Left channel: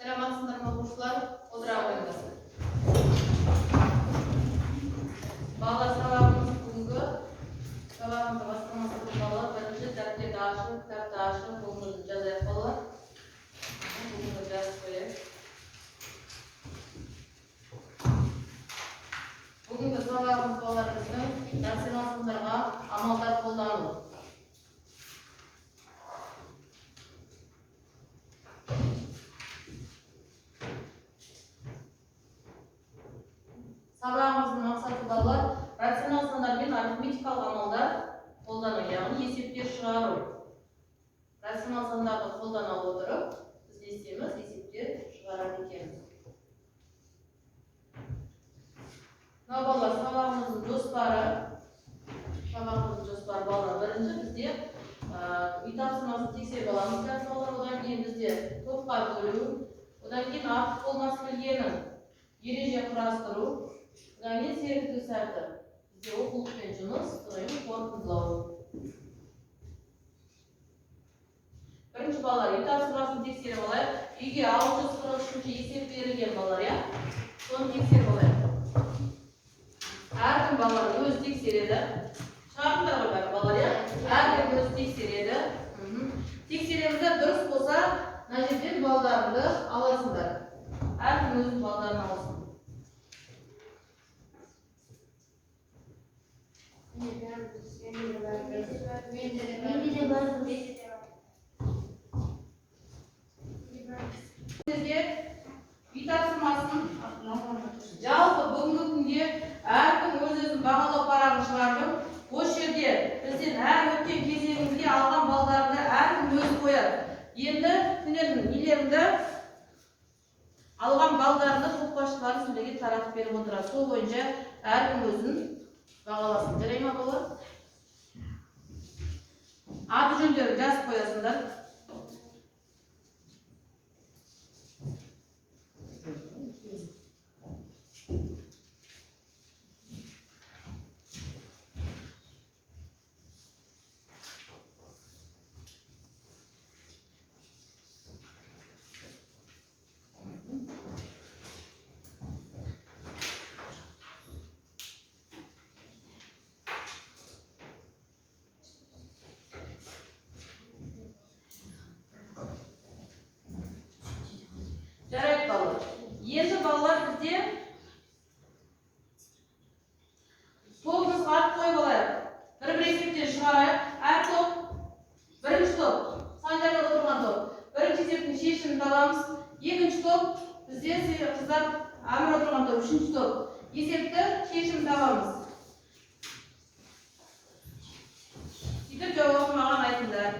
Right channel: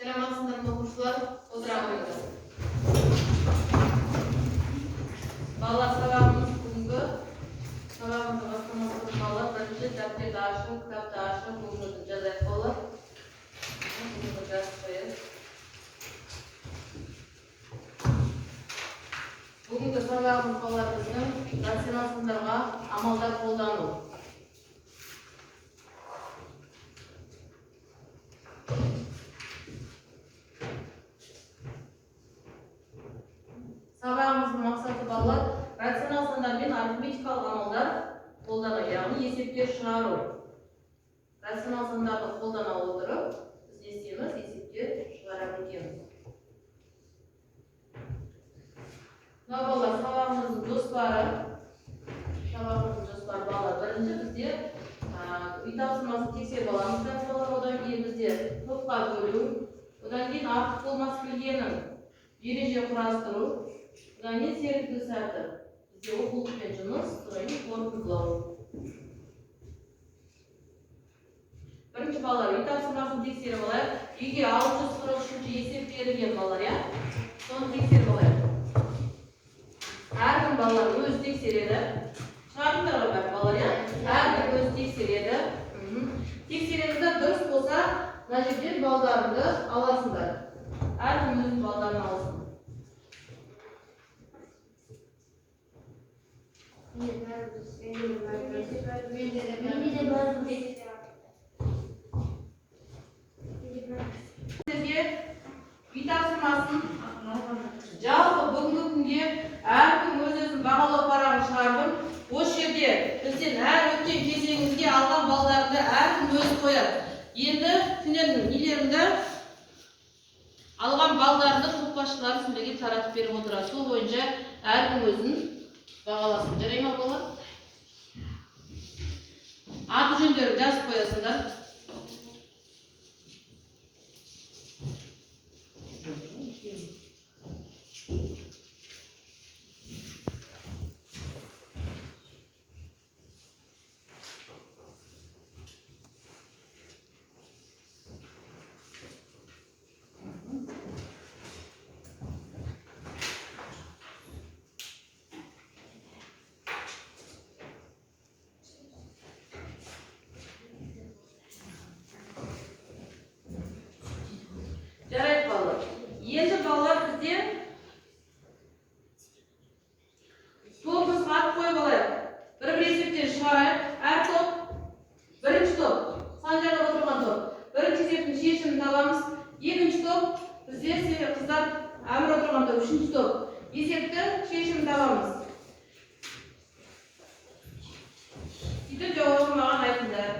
Selamünaleyküm okuyucular. Odra koyunlar. Ballar sabahımız bugünkü sabahımızda başlamasının ballar birinci defterde aşın, kitapta aşın, bugünün cazet olur. Bugünün cazet koyun. Bugünkü sabahımız ballar bizden rasyonel sınırға amallar қолдану. Sabahımızın maqsаты балалар рационал сандар мен арифметикалық амалдар қолдану, яғни есептер шығару. Рационал сандарды қолдана отырып, біз не істейміз? Есептер шығарады екенбіз. Мына балалар сабағымыздың жоспары балалар. Бірінші бізде үй тапсырмасын тексеріп аламыз балалар. Одан кейін бізде топқа бөлу, одан кейін артық болмас білгенін ереже құрастыру, одан кейін серіктеу сәті. Бізде оқулықпен жұмыс, одан кейін қорытындылау. Бірінші балалар үй тапсырмасын тексеріп алайық. Үйге 643 есеп берілген балалар, я? Соны тексеріп алайық. Әркім балалар өзі тексереді. Шартындарға бар балалар, я? Әркім өзі тексереді. Тексеремізді дұрыс болса, мына жерден балдарыңды аласыңдар. Әркім өзінің балдарын алсын. Сізге үй тапсырмасын жалпы бүгінгі күнге әркім өз-өзін бағалау парағын шығардым. Осы жерде бізден әр өткен кезеңімізге алған балдарыңды әркім өзі қояды. Енді сендердің нелеріңді алған балдарыңды тоқпашылары сендерге таратып беріп отырады. Сол бойынша әркім өзін бағаласын. Жарай ма балалар? Аты жөндерін жазып қоясыңдар. Жарайды балалар. Енді балалар бізде топымызға ат қойып алайық. Бір есептен шығарайық. Әр топ, бірінші топ, санжарда отырған топ. Бірінші есептің шешімін табамыз. Екінші топ, бізде қыздар әмір отырған топ. Үшінші топ, есепті шешімін табамыз. Сөйтіп жауабын маған айтыңдар.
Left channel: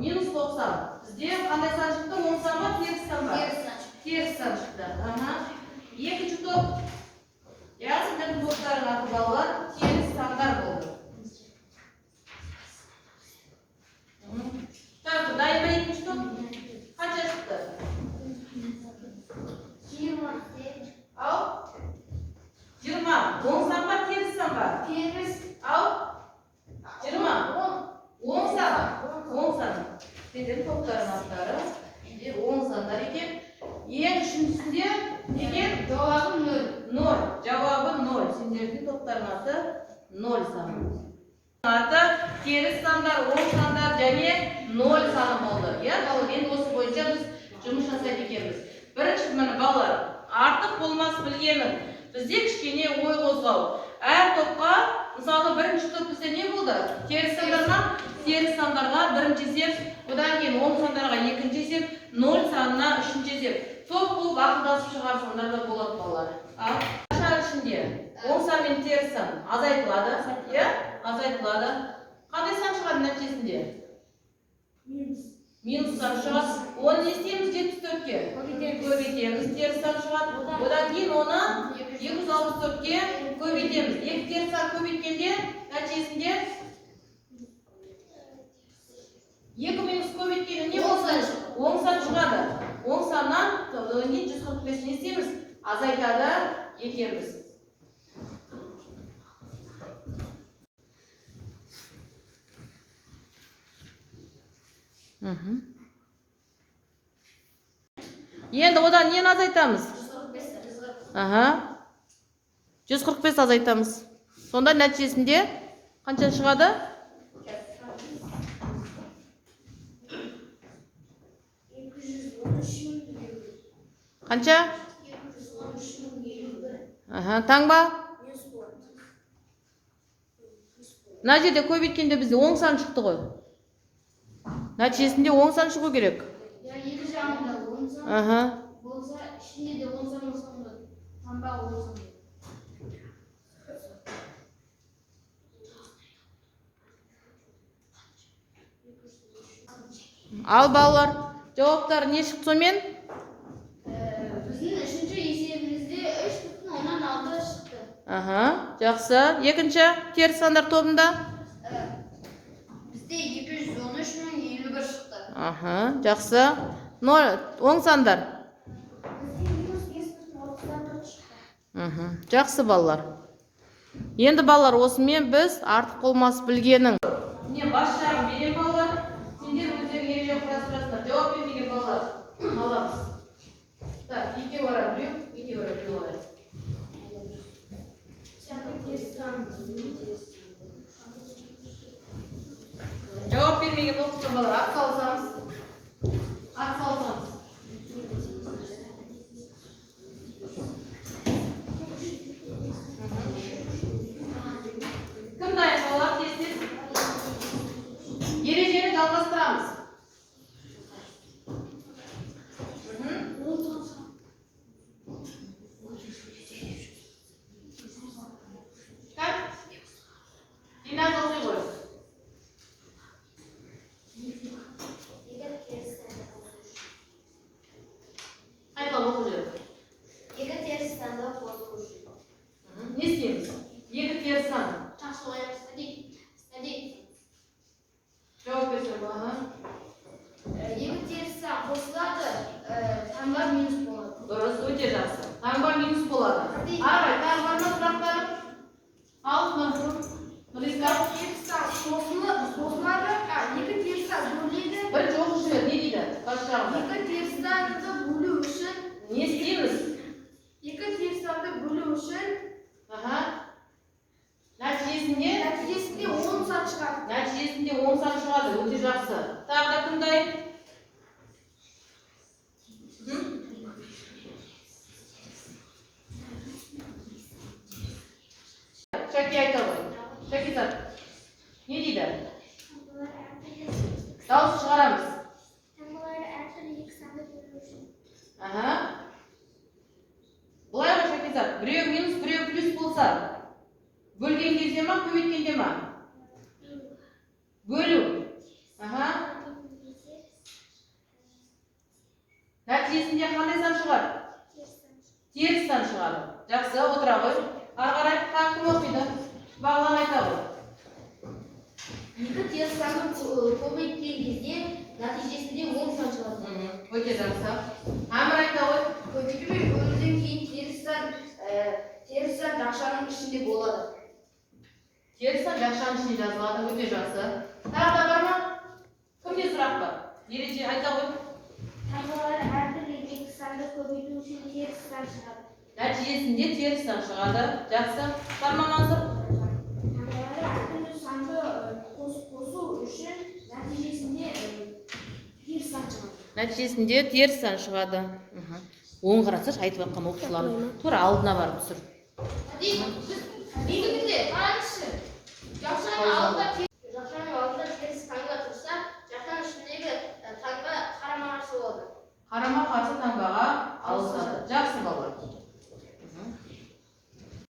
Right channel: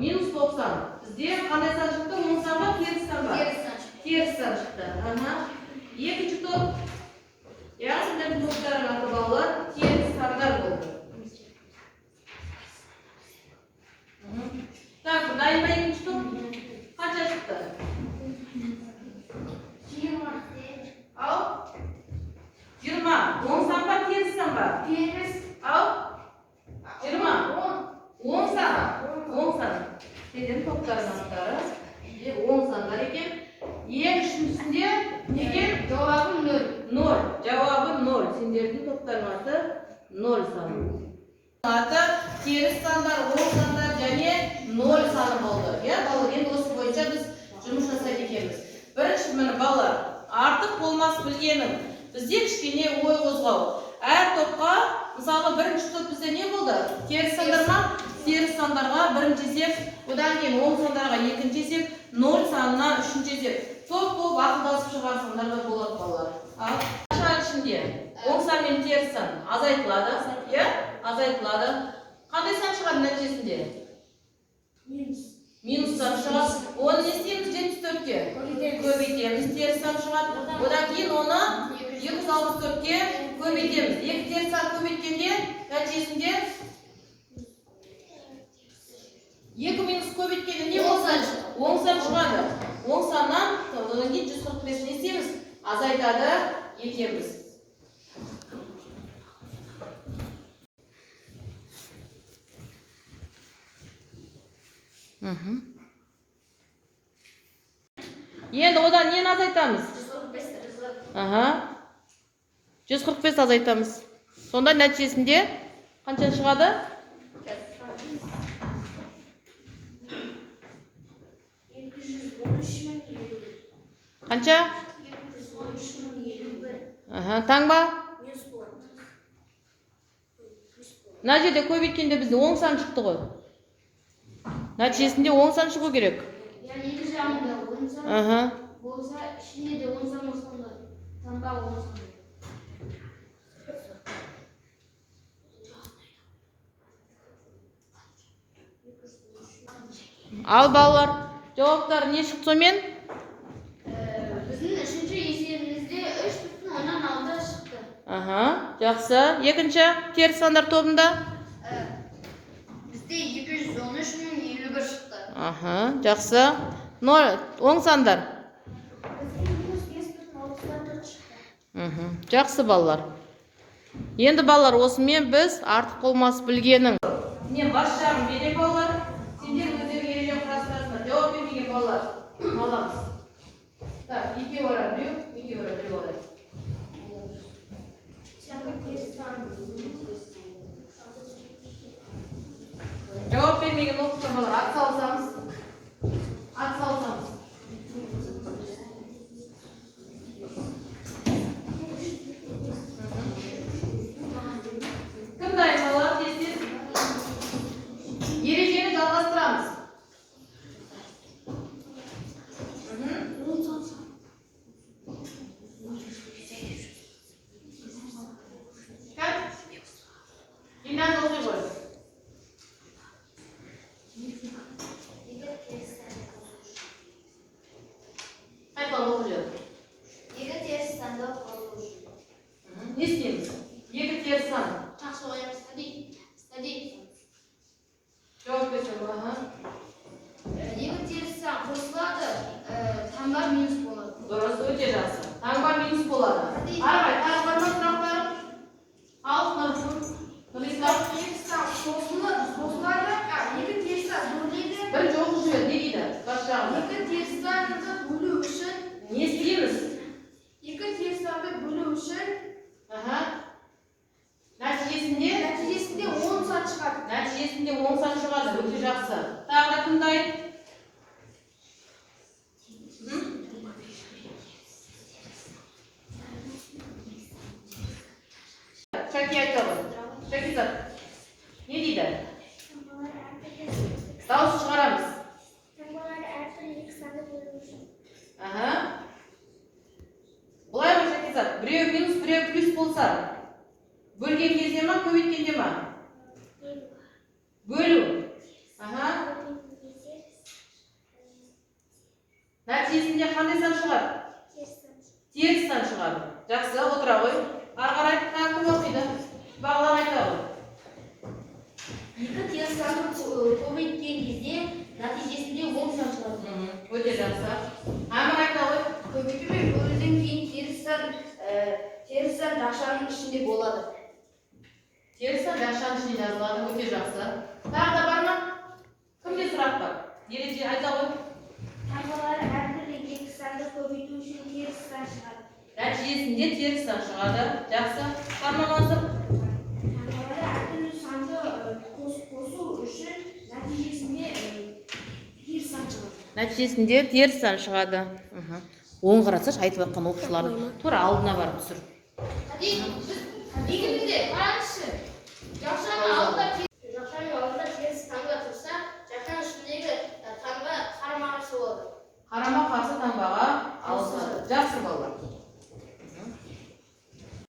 Минус 90. Бізде қандай сан шықты? 10 сан ба, теріс сан ба? Теріс сан шықты. Екінші топ. Яғни топтардың аты балалар теріс сандар болды. Так, дайын ба екінші топ? Қанша шықты? 20. Ау? 20. 10 сан ба, теріс сан ба? Теріс. Ау? 20. 10 сан. 10 сан. Сендердің топтардың аттары 10 сандар екен. Ең үшіншісінде неге? Жауабы 0. 0. Жауабы 0. Сендердің топтардың аты 0 сан. Аты теріс сандар, 10 сандар және 0 саны болды. Балалар, енді осы бойынша біз жұмыс жасайды екенбіз. Бірінші міне балалар, артық болмас білгенім. Бізде кішкене ой қозғау. Әр топқа, мысалы бірінші топ бізде не болды? Теріс сандар ма? Теріс сандарға бірінші есеп, одан кейін 10 сандарға екінші есеп, 0 санына үшінші есеп. Топ болып ақылдасып шығарсаңдар да болады балалар. Ал қанша ішінде 10 сан мен теріс сан азайтылады, азайтылады. Қандай сан шығады нәтижесінде? Минус сан шығады. Оны не істейміз? 74-ке көбейтеміз, теріс сан шығады. Одан кейін оны 264-ке көбейтеміз. Екі теріс сан көбейткенде нәтижесінде 2 минус көбейткенде не болса? 10 сан шығады. оң саннан одан кейін 145 не істейміз? Азайтады етеміз. Енді одан нені азайтамыз? 145 азайтамыз. Сонда нәтижесінде қанша шығады? Қанша? Таң ба? Мына жерде көбейткенде бізде оң сан шықты ғой. Нәтижесінде оң сан шығу керек. Екі жағында оң сан болса, ішінде де оң сан болса, таңба оң сан. Ал балалар, жауаптар не шықты сонымен? Біздің үшінші есебімізде 3,6 шықты. Жақсы. Екінші теріс сандар тобында? Бізде 213,51 шықты. Жақсы. Оң сандар? Бізде 5,34 шықты. Жақсы балалар. Енді балалар, осымен біз артық болмас білгенің. Не бас жағын берем балалар. Сендер өздерің ереже құрастырасыңдар. Жауап бермеген балалар. Аламыз. Так, екеу ара біреу, екеу ара біреу алайық. Жауап бермеген оқытқан балалар, ат салсамыз. Ат салсамыз. Кім дайын балалар, тез-тез? Ережені жалғастырамыз. Не істейміз? Екі теріс сан. Жауап берсем, Екі теріс сан қосылады, таңба минус болады. Дұрыс, өте жақсы. Таңба минус болады. Арай, тағы бар ма сұрақтар? Ал, Нұрислам. Теріс сан қосылады, екі теріс сан бөледі. Бір жоқ жүреді, не дейді? Бас жағында. Екі теріс санды бөлу үшін Не істейміз? екі теріс санды бөлу үшін Нәтижесінде 10 сан шығады. Нәтижесінде 10 сан шығады, өте жақсы. Тағы да кім дайын? Шәки айта ғой. Шәкизат, не дейді? Дауыс шығарамыз. Таңбалар әртүрлі екі санды бөлу үшін. Бұлай ғой Шәкизат, біреу минус, біреу плюс болса, бөлген кезде ма, көбейткенде ма? Бөлу. Нәтижесінде қандай сан шығады? Теріс сан шығады. Жақсы, отыра ғой. Ары қарай кім оқиды? Бағлан айта ғой. Екі теріс санды көбейткен кезде нәтижесінде 10 сан шығады. Өте жақсы. Әмір айта ғой. Көбейту бөлуден кейін теріс сан жақшаның ішінде болады. Теріс сан жақшаның ішінде жазылады. Өте жақсы. Тағы да бар ма? Кімде сұрақ бар? Ереже айта ғой. Таңбалар әртүрлі екі санды көбейту үшін теріс сан шығады. Нәтижесінде теріс сан шығады. Жақсы. Тармамасы. Таңбалар әртүрлі санды қосу үшін нәтижесінде теріс сан шығады. Нәтижесінде теріс сан шығады. Оң қарасаш, айтып жатқан оқушылар тура алдына барып түсір. Негізінде қараңызшы. Жақшаның алдында теріс таңба тұрса, жақшаның ішіндегі таңба қарама қарсы болады. Қарама қарсы таңбаға ауысады. Жақсы балалар.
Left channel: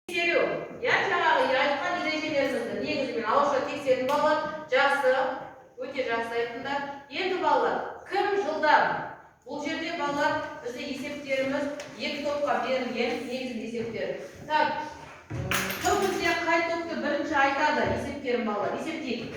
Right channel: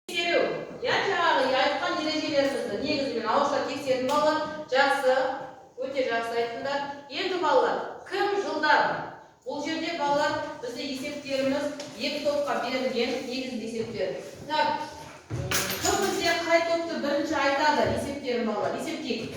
Тексеру. Жаңағы айтқан ережелеріңізді негізімен ауызша тексердің балалар. Жақсы, өте жақсы айттыңдар. Енді балалар, кім жылдар? Бұл жерде балалар бізде есептеріміз екі топқа берілген негізінде есептер. Так, кім бізде қай топты бірінші айтады есептерін балалар? Есептейік.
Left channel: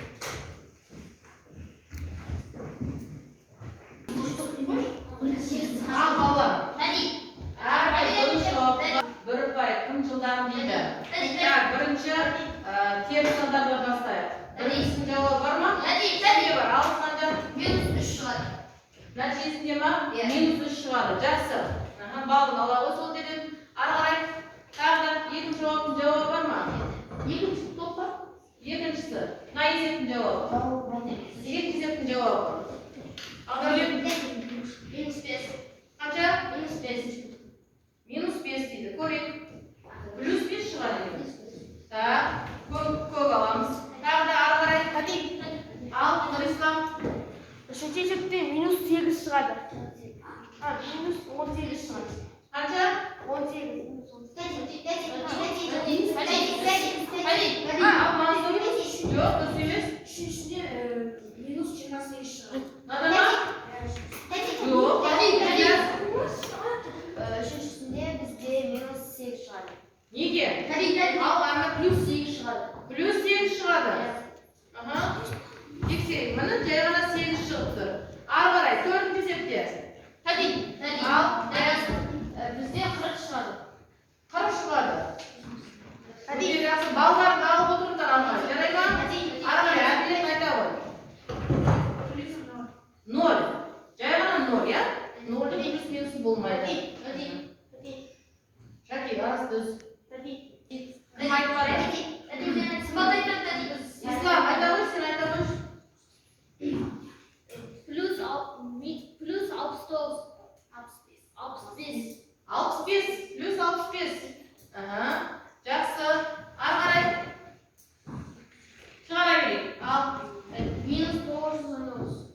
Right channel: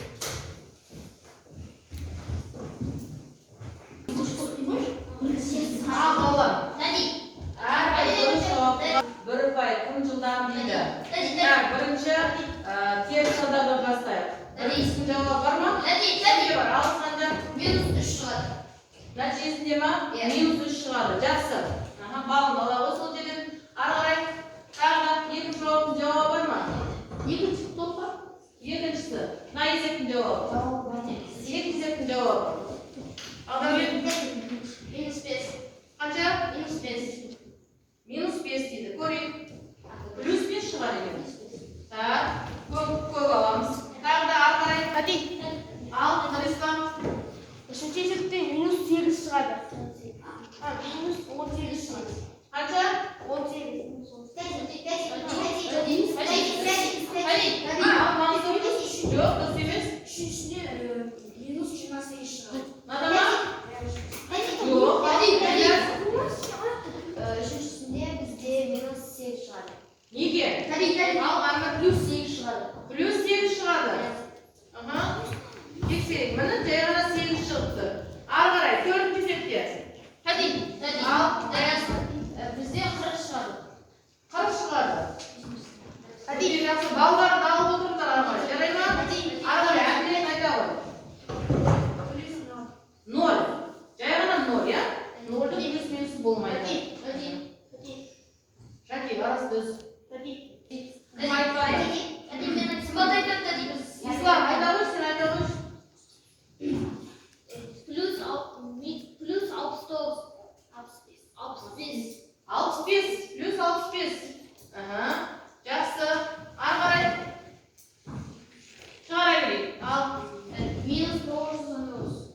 минус 3 шығады. Жақсы. Балын алабыз ол жерден. Ары қарай тағы да екінші жауаптың жауабы бар ма? Екінші топ бар. Екіншісі. Мына есептің жауабы. Екінші есептің жауабы. Минус 5. Қанша? Минус 5. Минус 5 дейді. Көрейік. Плюс 5 шығады екен. Так, көк аламыз. Тағы да ары қарай. Ал, Нұрислам. Үшінші есепте минус 8 шығады. Минус 18 шығады. Қанша? 18. Жоқ, дұрыс емес. Үшіншісінде минус 28 шығады. Мынада ма? Жоқ. Үшіншісінде бізде минус 8 шығады. Неге? Ал ана плюс 8 шығады. Плюс 8 шығады. Тексерейік. Міне жай ғана 8 шығыпты. Ары қарай, төртінші есепте. Ал, Бізде 40 шығады. 40 шығады. Жақсы, балдарды алып отырыңдар ары қарай. Жарай ма? Ары қарай, әбден айта ғой. 0. Жай ғана 0, иә? 0-ды плюс минус болмайды. Шәке, арасы düz. Ислам, айта қойшы, сен айта қойшы. Плюс 69. 65, плюс 65. Жақсы. Ары қарай. Шығара берейік. Ал. Минус 999.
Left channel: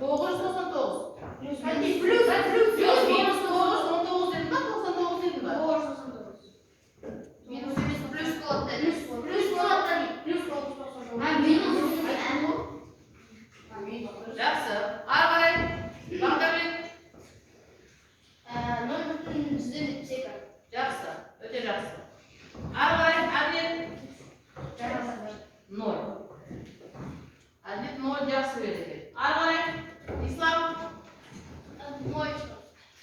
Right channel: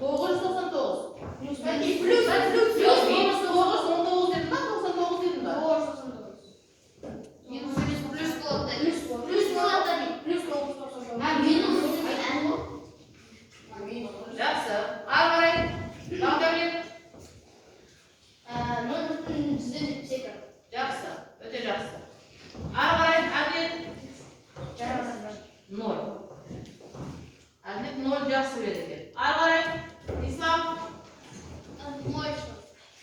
999. Плюс Минус 9, 19 дедің ба? 99 дедің ба? 999. Минус емес, плюс болады. Жақсы. Ары қарай. Бағдәулет. Жақсы. Өте жақсы. Ары қарай. Әдет. 0. Әдет 0 жақсы береді екен. Ары қарай. Ислам.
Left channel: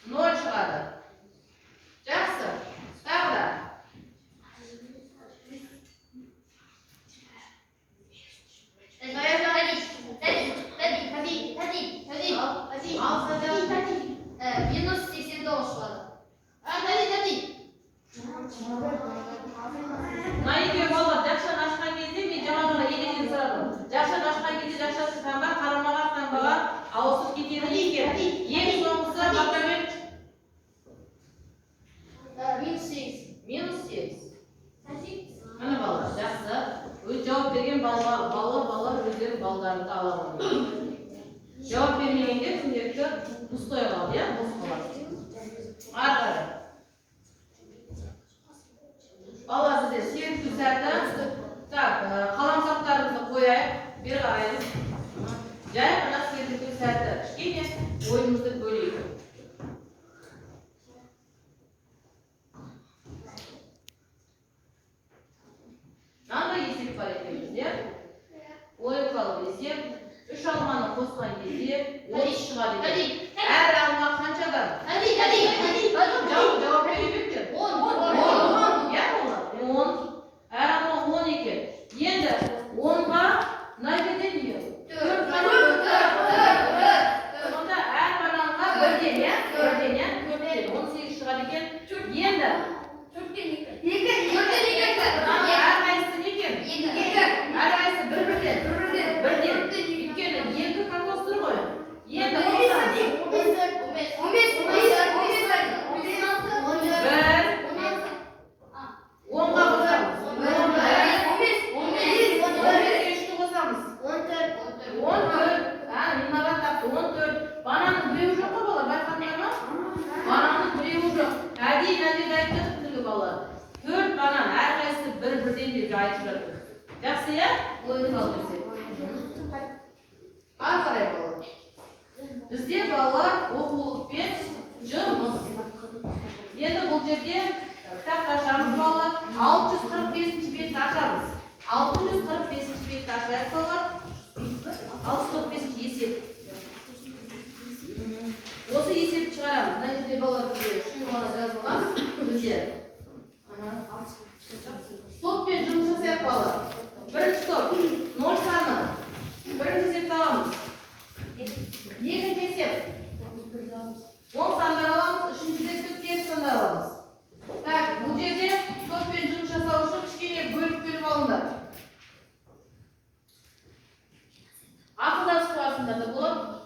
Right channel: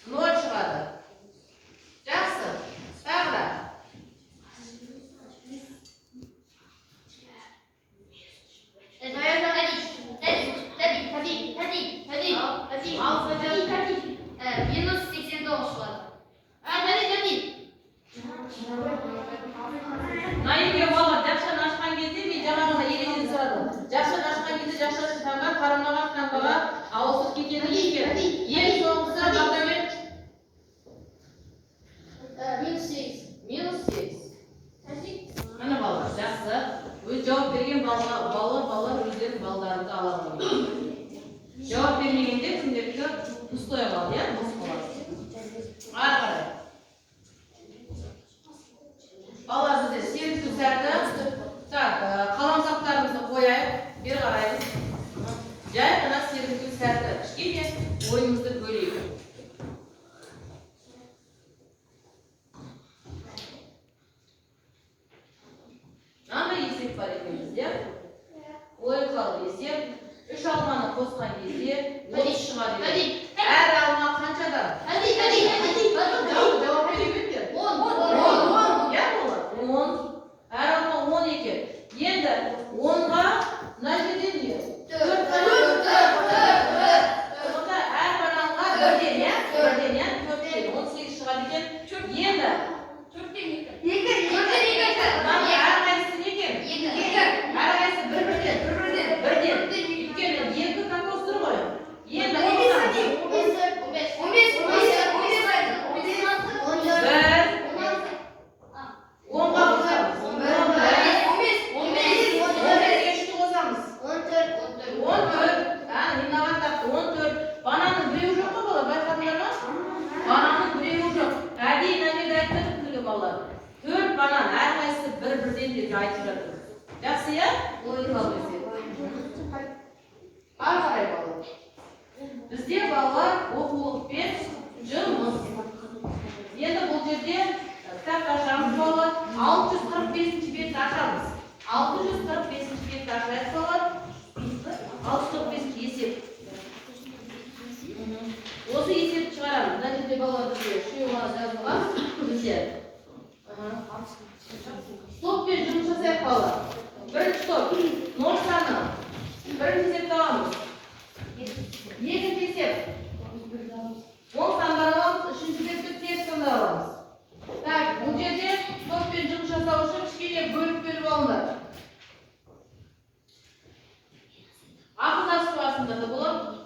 0 шығады. Жақсы. Тағы да. Минус 89 шығады. Мына екеуі балалар жақшаны ашқан кезде мен жаңағыны еледен сұрадым. Жақшаны ашқан кезде жақшасы таңба, қарамаға таңбаға ауысып кетені екен. Ең соңғысы Бағдәулет. Минус 8. Минус 8. Міне балалар, жақсы. Өз жауап берген балалар өздерінің балдарында ала алмайды. Жауап бермегенде күнделікті пустой қалады, иә? Бос қалады. Ары қарай. Балалар бізде 8 сәті. Так, қаламсақтарымызды қояйық. Бері қараймыз. Жай ғана 8 сәті. Кішкене ойымызды бөлейік. Мынандай есеп бар екен бізде. Логикалық есеп. 3 алманы қосқан кезде 30 шығады екен. Әр алма қаншадан? Жауап бере беріңдер. 10. Иә, 10. Әр алма 10 екен. Енді 10-ға мына жерден не? 4. Онда әр бананға бірден, иә? 18 шығады екен. Енді әрқайсысы не екен? Әрқайсысы бірден. Өйткені 2 кокос тұр ғой. Енді 10-ға қосамыз. 14. Бананның біреуі жоқ қой балалар, байқадыңдар ма? Бананның біреуі жоқ. Әдейі мына жерде айтып жатыр балалар. 4 банан, әрқайсысы бірден деп айтып жатыр. Жақсы, иә? Логикалық есеп. Ары қарай балалар. Бізде балалар оқулықпен жұмыс. Енді бұл жерде кітапты ашамыз балалар. 645-ші бетті ашамыз. 645-ші бетті ашайық балалар. 645-ші есеп. Осы есепті шығарамыз. Мына жерде балалар бізде шиырманы жазылған. Бізде. Стоппен жұмыс жасайық балалар. Бірінші топ. 0 саны. Бірінші есепті аламыз. Екінші есеп. сандар да болады.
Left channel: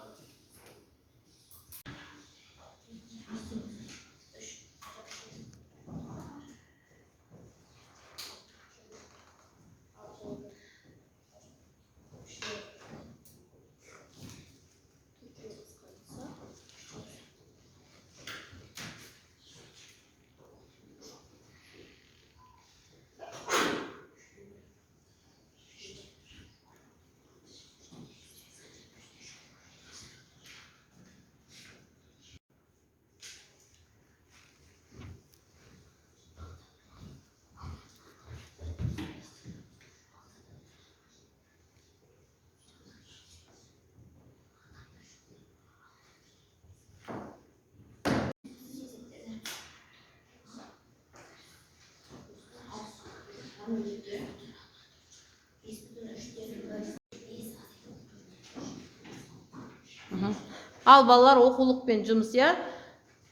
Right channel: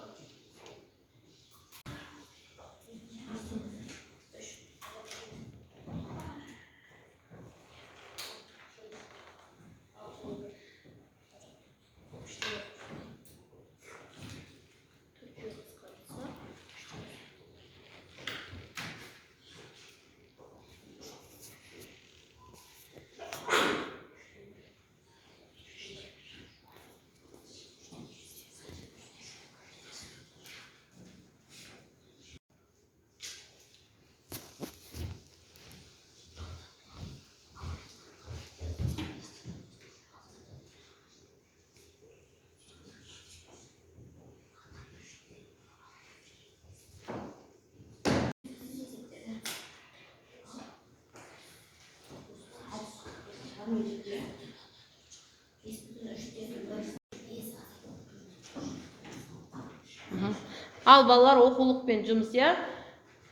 Ал балалар оқулықпен жұмыс, я?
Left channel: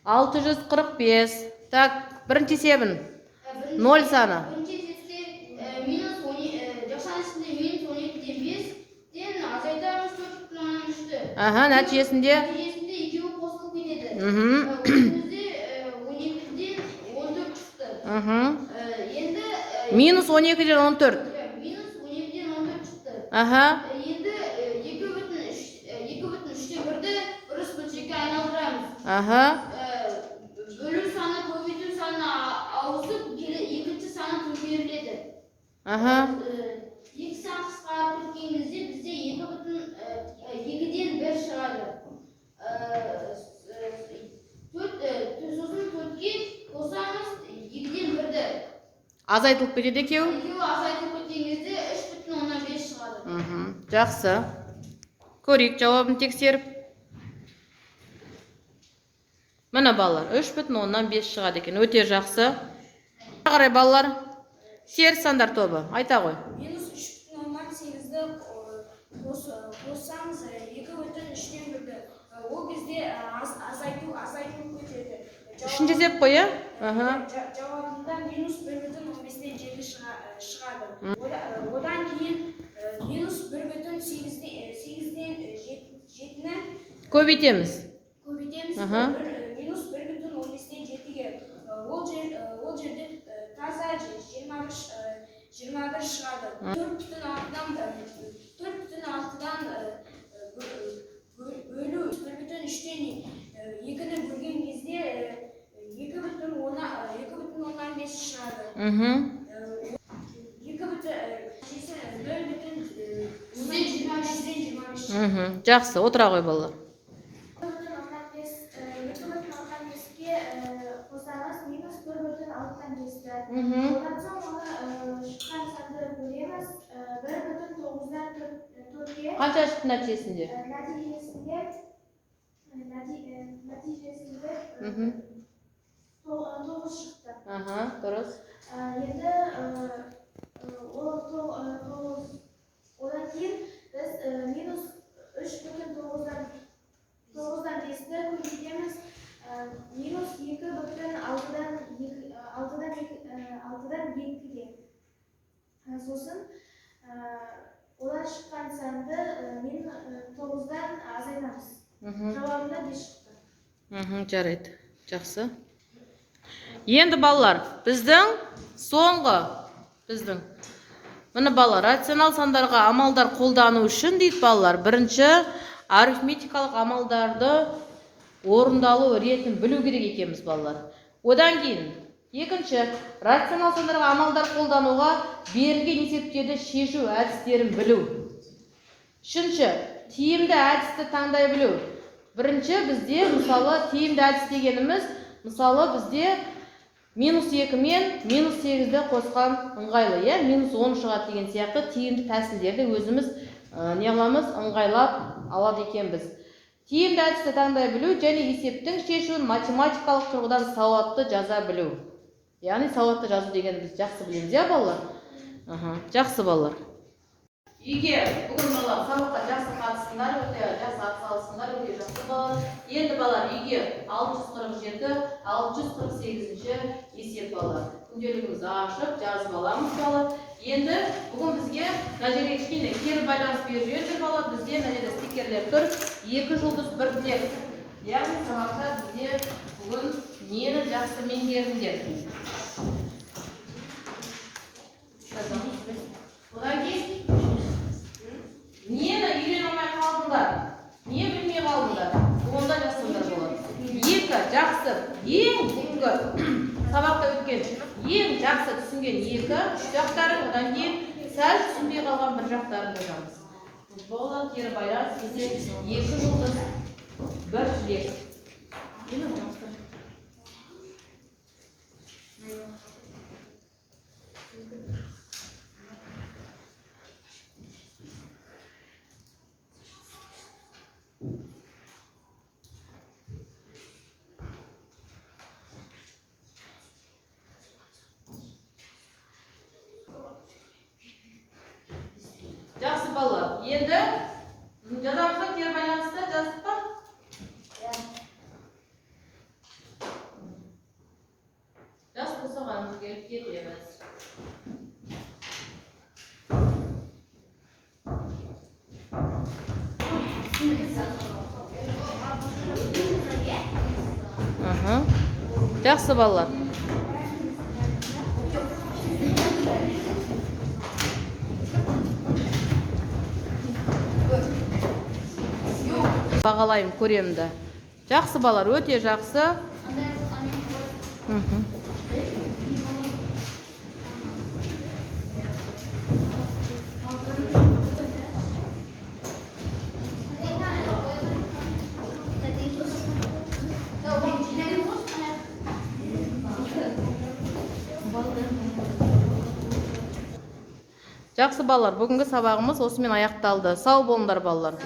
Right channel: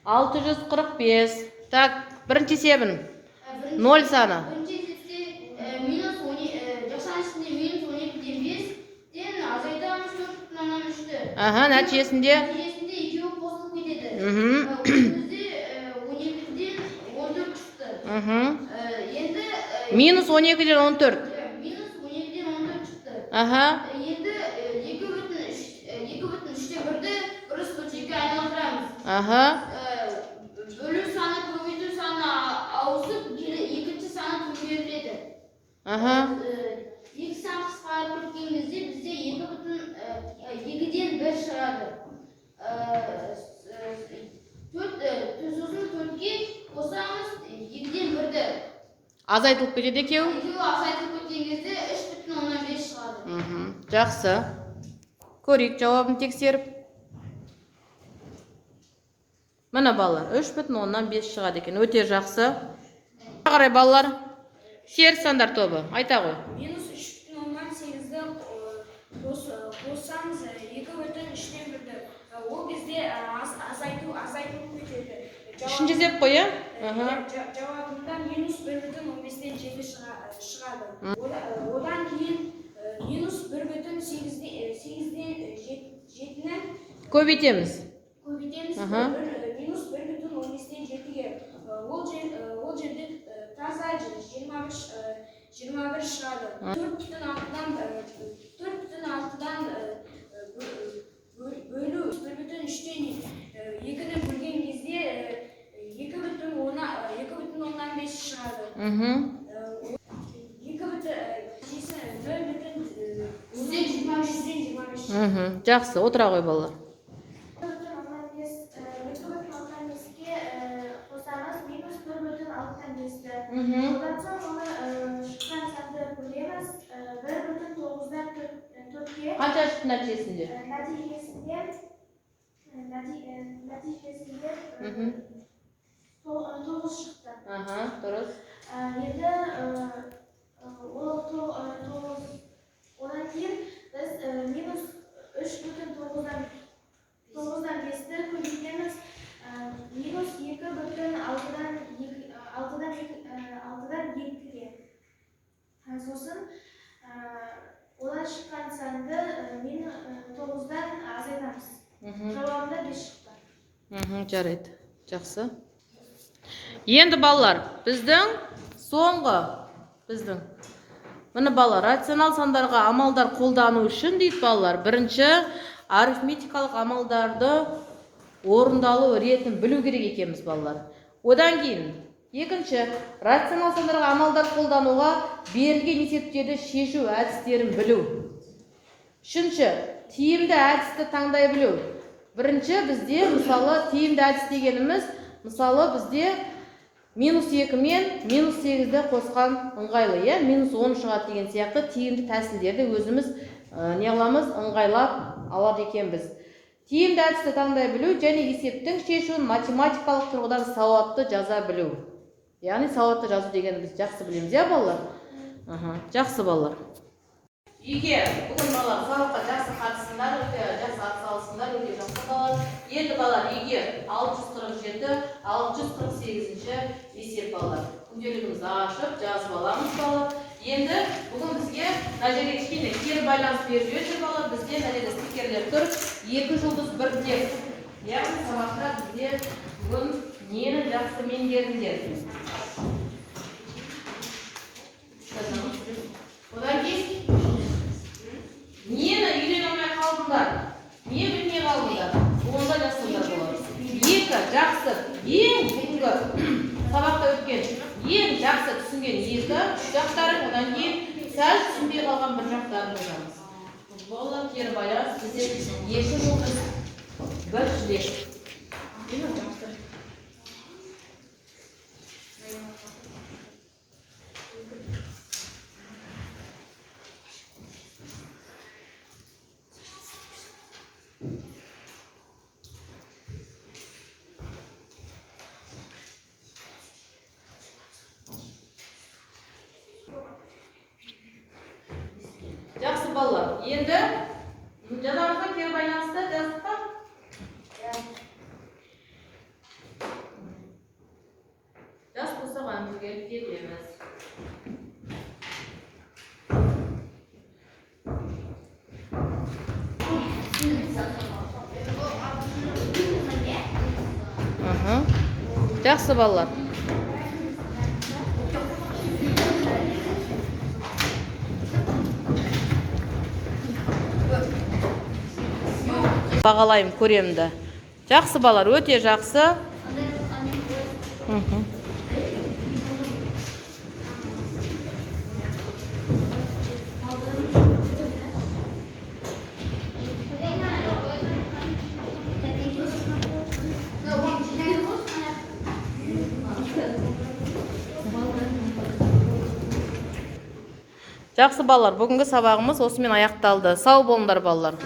645. Так, бірінші есебін. 0 саны. Бірінші есепте минус 12, жақшаның ішінде минус 12-ден 5-ден азайтамыз 4,3-ті. Нәтижесінде? Нәтижесінде екеуі қосылып кетеді. Өзімізде 12-ден 14 шықты. Енді минус 12-ден 14. минус 12-ден 14 шықты. Енді 2,3-те 1-ді бұрыс бөлшекке айналдырамыз. Бөлу саны көбейту саны ауысып, екінші саны көбейіледі. Екі сан қысқарып кеткен кезде бізде 2,2-ден 1 шығады. Сосын 4-ке қосамыз 2-ден 1-ді. Азайтылып кетеді екеуі? Екеуі азайтылып кеткен кезде 3,5 шығады. Жақсы. Көрейік жауабын тексеріп. Міне балалар, 3,5 шығады екен. Өте жақсы. Қарай балалар, теріс сандар тобы. Айта ғой. Минус 3,8-ді қоссаңыз 2,3-тен 1-ді. Ол кезде азайтылып кетеді. Үшінші есеп қой, я? Жауабында минус 1,15-тен 7 шығады. Одан кейін минус 1,8-ден 7-ні Көбейтеміз. Минус 1,15-тен 7-ге. Ол жерде таза 21 шығады. 4,6-дан бөлу 1,3-тен 2-ні бөлген кезде 2,5 шығады. 2,25. Жақсы, отыра ғой балалар. 2,15-ке қосамыз минус 4,6-ді. Одан соң оны шыққан санды бөлеміз 1,9-дан 4-ке. Қанша шықты нәтижесінде? Нәтижесінде 9 шықты. Дұрыс. Енді одан кейін біз минус 3,9-дан 5-ді көбейтеміз минус 2,6-дан 2-ге. Сосын одан шыққан санды 9-дан азайтамыз. Жауабында 5 шықты. Жарайды. Жақсы. Енді балалар, біздің Міне балалар, рационал сандарға амалдар қолдану үшін дейді балалар. Бірінші, арифметикалық амалдарды орындалу ретін білу керек екенбіз балалар. Одан кейін, екінші, рационал сандарға амалдар қолдануға берілген есептерді шешу әдістерін білу. Үшінші, тиімді әдісті таңдай білу. Бірінші, бізде мысалы тиімді әдіс дегеніміз, мысалы бізде минус 2 мен минус 8-ді қосқан ыңғайлы, минус 10 шығады деген сияқты тиімді тәсілдерді өзіміз неғыламыз ыңғайлап алады екенбіз. Тиімді әдісті таңдай білу және есептің шешуін математикалық тұрғыдан сауатты жаза білу. Яғни сауатты жазу дегеніміз жақсы білеміз, балалар? Жақсы балалар. Егер бүгін балалар сабаққа жақсы қатысыңдар, жақсы атсалысыңдар, өте жақсы балалар. Енді балалар, егер 647-648-ші есеп балалар. Күнделігімізді ашып, жазып аламыз балалар. Енді бүгін бізге мына жерге кішкене кері байланыс беріп жүр бала. Бізге мына жерде стикерлер тұр. 2 жұлдыз 1 тілек. Яғни сабақта бізде бүгін нені жақсы меңгердіңдер. Одан кейін нені үйрене алмай қалдыңдар? Не білмей қалдыңдар? Онда жазсаңдар болады. 2 жақсы ең бүгінгі сабақта өткен ең жақсы түсінген 2 жақтарын, одан кейін сәл түсінбей қалған 1 жақтарын жазамыз. Балалар кері байланыс бізде 2 жұлдыз 1 тілек. Жақсы балалар. Енді жазамызға кері байланысты жаздық па? Жас болса қойымыз келіп кетеміз. Жақсы балалар. Бағалайым көремді. Жақсы балалар, өте жақсы. Жақсы балалар, бүгінгі сабағымыз осымен аяқталды. Сау болыңдар балалар.